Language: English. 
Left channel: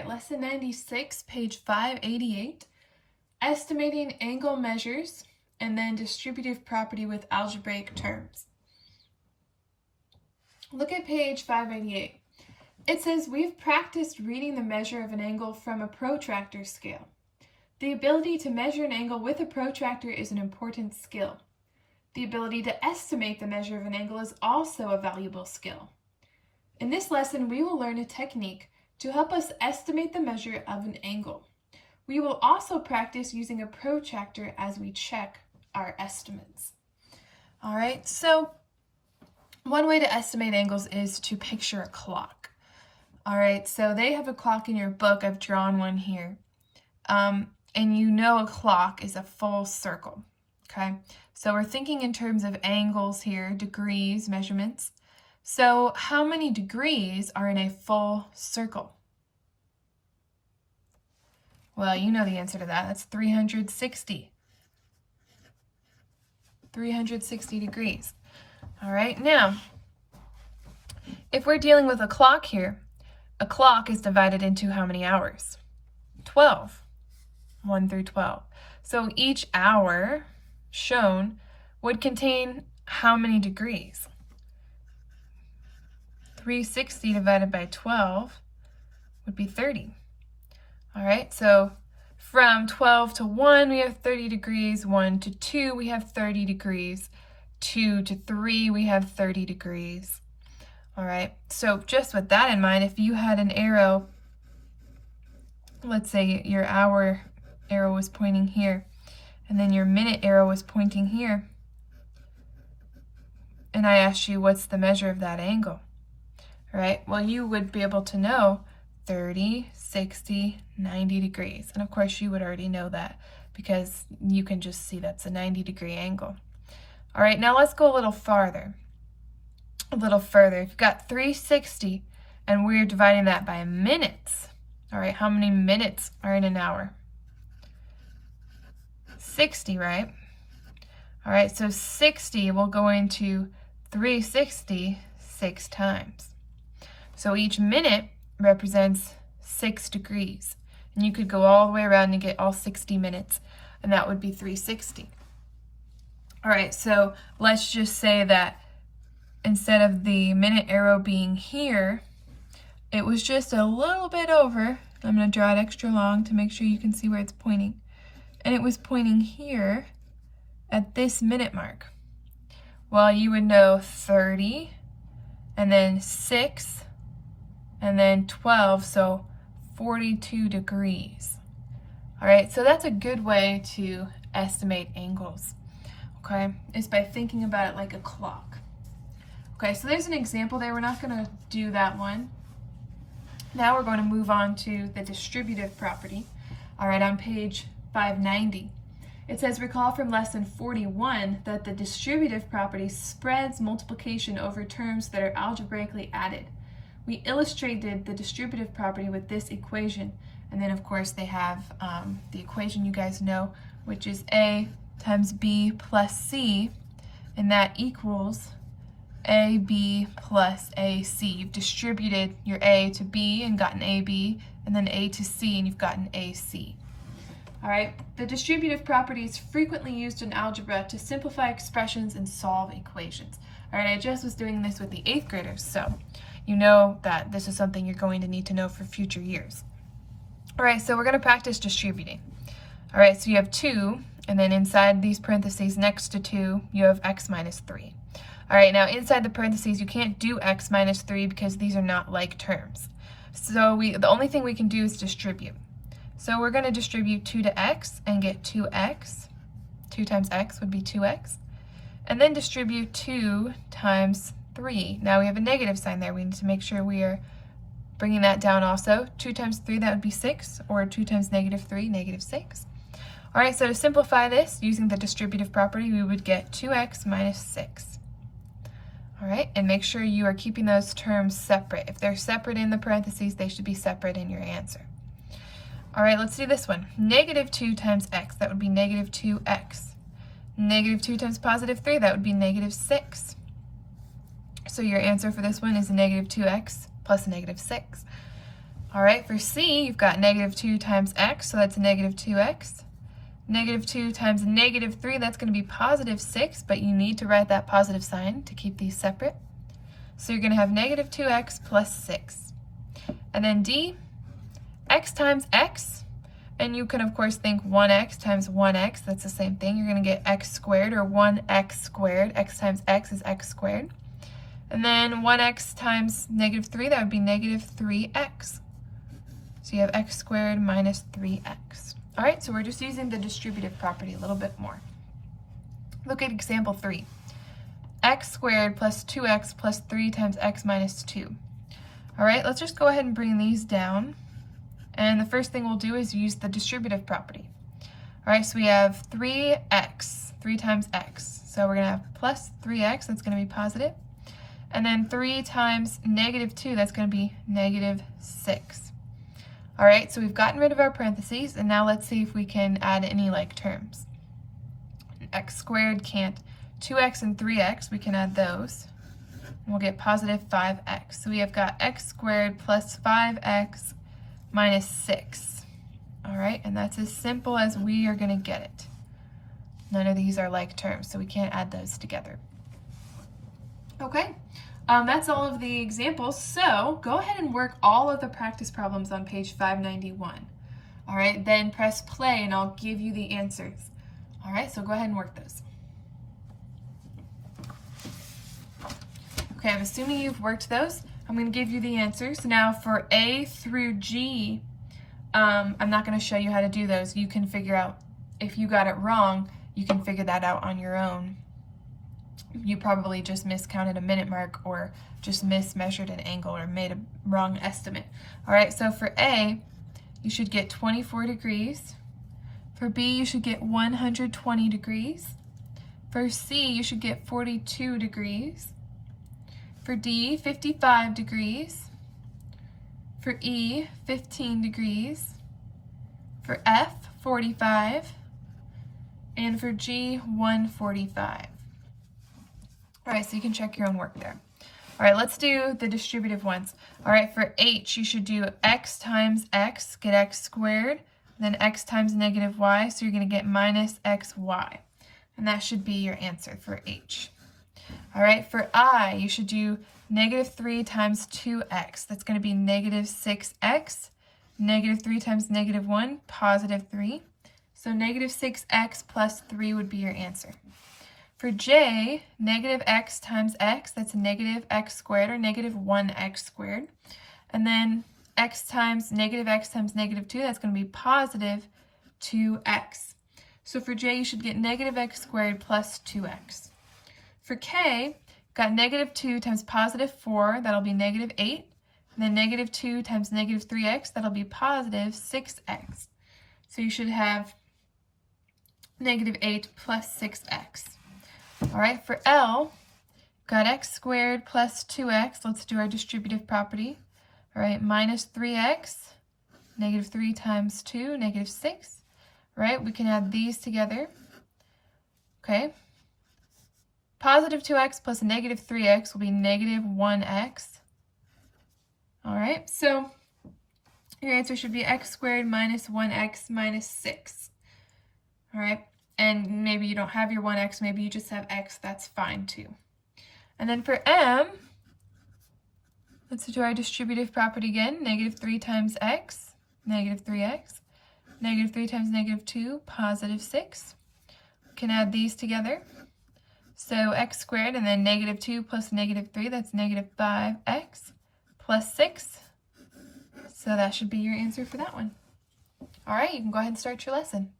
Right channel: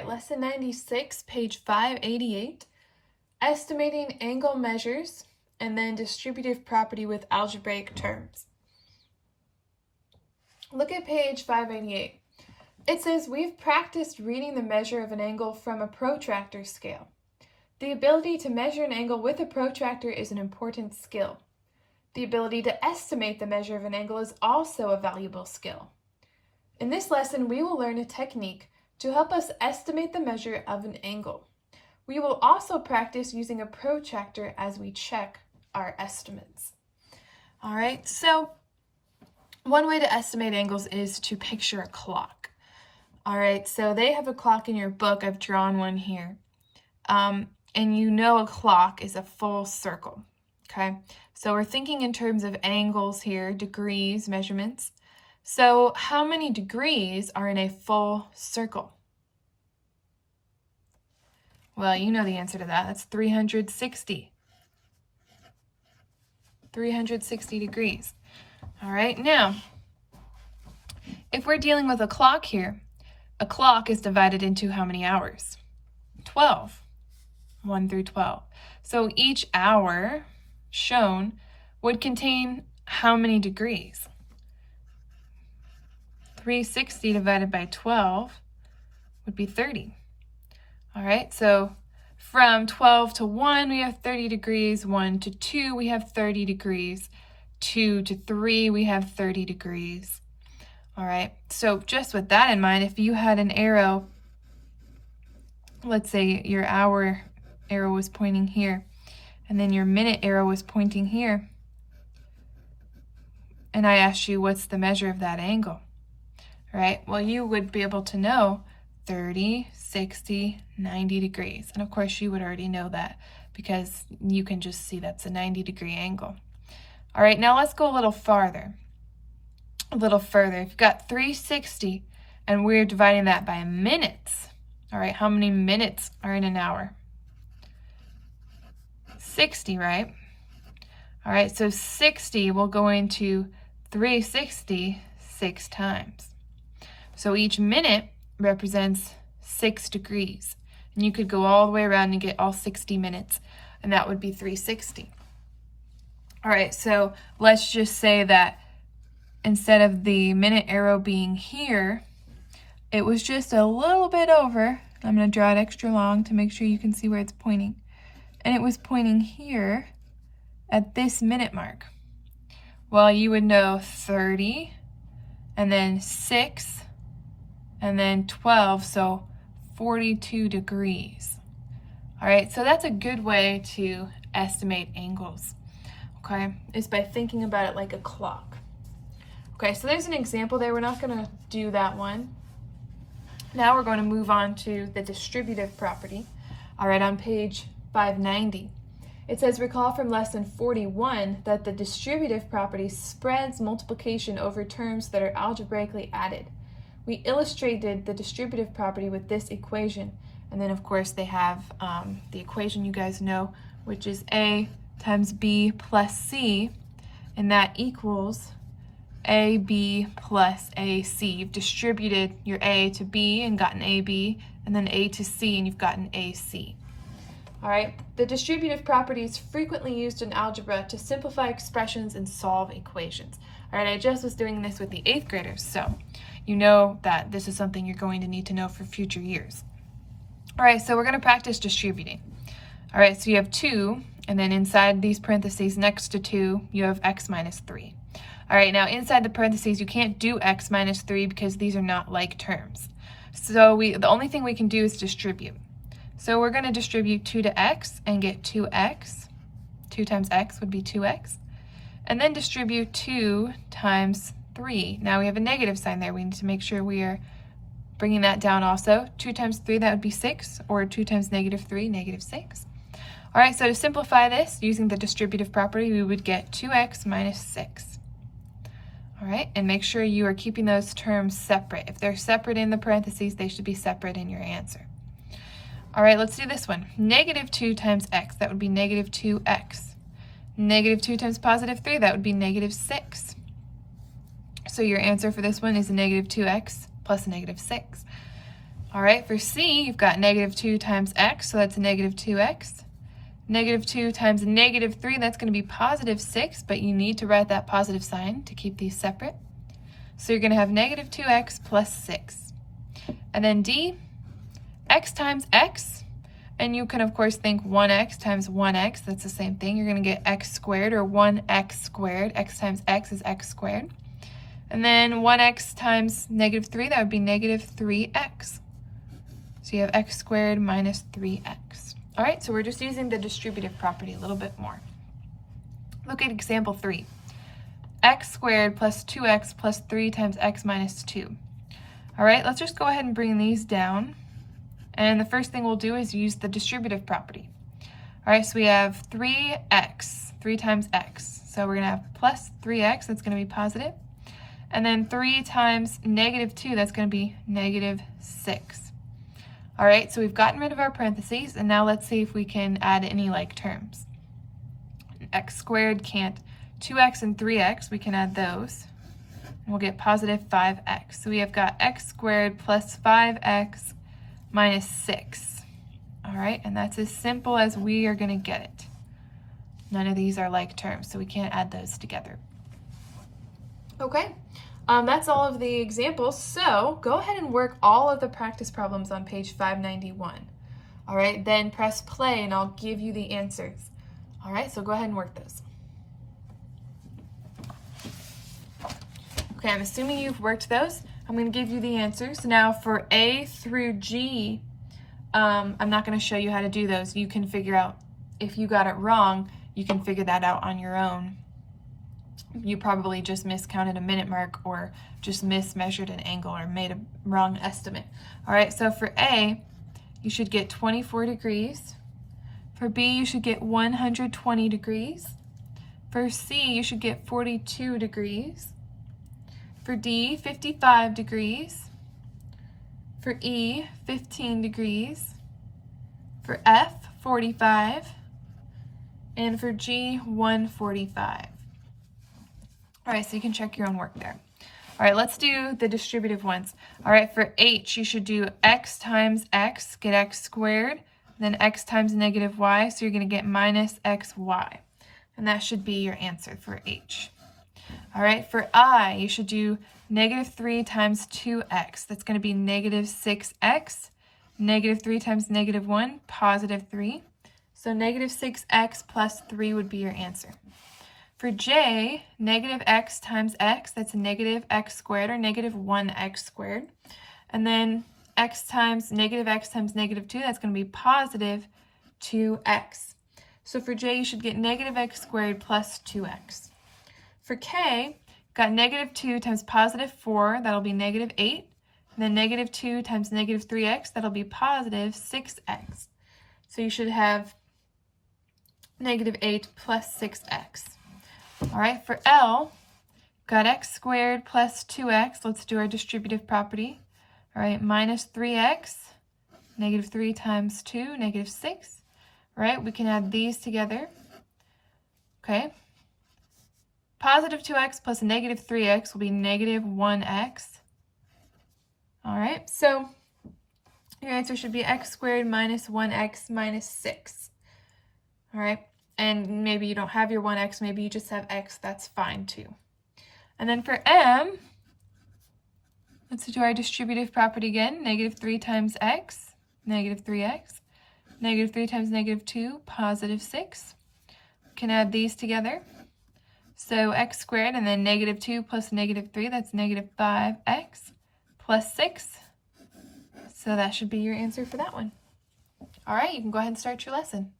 right, lesson 96, page 588, estimating angle measures, and then distributive property with algebraic terms. Look at page 588. It says, we've practiced reading the measure of an angle from a protractor scale. The ability to measure an angle with a protractor is an important skill. The ability to estimate the measure of an angle is also a valuable skill. In this lesson, we will learn a technique to help us estimate the measure of an angle. We will also practice using a protractor as we check our estimates. All right, so one way to estimate angles is to picture a clock. All right, so they have a clock in your book. I've drawn one here. And you know a clock is a full circle, okay? So we're thinking in terms of angles here, degrees, measurements. So how many degrees are in a full circle? Well, you know the answer to that. That's 360. 360 degrees. All right, now, if we're dealing with a clock here, a clock is divided into how many hours? 12. 1 through 12. So each hour shown would contain how many degrees? 360 divided by 12 would be 30. All right, so from 12 to 1, we have 30 degrees. 1 to 2, we have 30 degrees. 2 to 3, we have 30 degrees. All right, so just with that in mind, if you had an arrow, let's say your hour arrow was pointing here, and then your minute arrow was pointing here, and I asked you what's the measure of that angle, right? Well, you would be able to know 30, 60, 90 degrees. And of course, you would already know that because you can just see that's a 90-degree angle. All right, now let's go a little farther. A little further. If you've got 360 and we're dividing that by minutes, all right, how many minutes are in an hour? 60, right? All right, so 60 will go into 360 6 times. So each minute represents 6 degrees. And you could go all the way around and get all 60 minutes, and that would be 360. All right, so let's just say that instead of the minute arrow being here, it was just a little bit over. I'm going to draw it extra long to make sure you can see where it's pointing. And it was pointing here at this minute mark. Well, you would know 30, and then 6, and then 12, so 42 degrees. All right, so that's a good way to estimate angles, okay? Is by thinking about it like a clock. Okay, so there's an example there. We're not going to do that one. Now we're going to move on to the distributive property. All right, on page 590. It says, recall from lesson 41 that the distributive property spreads multiplication over terms that are algebraically added. We illustrated the distributive property with this equation, and then of course they have the equation you guys know, which is A times B plus C, and that equals AB plus AC. You've distributed your A to B and gotten AB, and then A to C, and you've gotten AC. All right, the distributive property is frequently used in algebra to simplify expressions and solve equations. All right, I just was doing this with the 8th graders, so you know that this is something you're going to need to know for future years. All right, so we're going to practice distributing. All right, so you have 2, and then inside these parentheses next to 2, you have x minus 3. All right, now inside the parentheses, you can't do x minus 3 because these are not like terms. So the only thing we can do is distribute. So we're going to distribute 2 to x and get 2x. 2 times x would be 2x. And then distribute 2 times 3. Now we have a negative sign there. We need to make sure we are bringing that down also. 2 times 3, that would be 6, or 2 times negative 3, negative 6. All right, so to simplify this, using the distributive property, we would get 2x minus 6. All right, and make sure you are keeping those terms separate. If they're separate in the parentheses, they should be separate in your answer. All right, let's do this one. Negative 2 times x, that would be negative 2x. Negative 2 times positive 3, that would be negative 6. So your answer for this one is negative 2x plus negative 6. All right, for C, you've got negative 2 times x, so that's negative 2x. Negative 2 times negative 3, that's going to be positive 6, but you need to write that positive sign to keep these separate. So you're going to have negative 2x plus 6. And then D, x times x, and you can of course think 1x times 1x, that's the same thing. You're going to get x squared, or 1x squared. X times x is x squared. And then 1x times negative 3, that would be negative 3x. So you have x squared minus 3x. All right, so we're just using the distributive property a little bit more. Look at example 3. X squared plus 2x plus 3 times x minus 2. All right, let's just go ahead and bring these down. And the first thing we'll do is use the distributive property. All right, so we have 3x, 3 times x. So we're going to have plus 3x, that's going to be positive. And then 3 times negative 2, that's going to be negative 6. All right, so we've gotten rid of our parentheses, and now let's see if we can add any like terms. X squared can't. 2x and 3x, we can add those. And we'll get positive 5x. So we have got x squared plus 5x minus 6. All right, and that's as simple as we are going to get it. None of these are like terms, so we can't add those together. Okay. That's all of the examples, so go ahead and work all of the practice problems on page 591. All right, then press play and I'll give you the answers. All right, so go ahead and work those. Okay, I'm assuming you've worked those. I'm going to give you the answers. Now for A through G, I'm not going to show you how to do those. You can figure out, if you got it wrong, you can figure that out on your own. You probably just miscounted a minute mark, or just mismeasured an angle, or made a wrong estimate. All right, so for A, you should get 24 degrees. For B, you should get 120 degrees. For C, you should get 42 degrees. For D, 55 degrees. For E, 15 degrees. For F, 45. And for G, 145. All right, so you can check your own work there. All right, let's do the distributive ones. All right, for H, you should do x times x, get x squared, then x times negative y, so you're going to get minus xy. And that should be your answer for H. All right, for I, you should do negative 3 times 2x. That's going to be negative 6x. Negative 3 times negative 1, positive 3. So negative 6x plus 3 would be your answer. For J, negative x times x, that's negative x squared, or negative 1x squared. And then x times negative 2, that's going to be positive 2x. So for J, you should get negative x squared plus 2x. For K, got negative 2 times positive 4, that'll be negative 8. And then negative 2 times negative 3x, that'll be positive 6x. So you should have negative 8 plus 6x. All right, for L, got x squared plus 2x. Let's do our distributive property. All right, minus 3x, negative 3 times 2, negative 6. All right, we can add these together. Okay. Positive 2x plus negative 3x will be negative 1x. All right, so your answer should be x squared minus 1x minus 6. All right. And maybe you don't have your 1x, maybe you just have x, that's fine too. And then for M, let's do our distributive property again. Negative 3 times x, negative 3x. Negative 3 times negative 2, positive 6. We can add these together. So x squared, and then negative 2 plus negative 3, that's negative 5x plus 6. So that should be your answer for that one. All right, you can go ahead and start your lesson.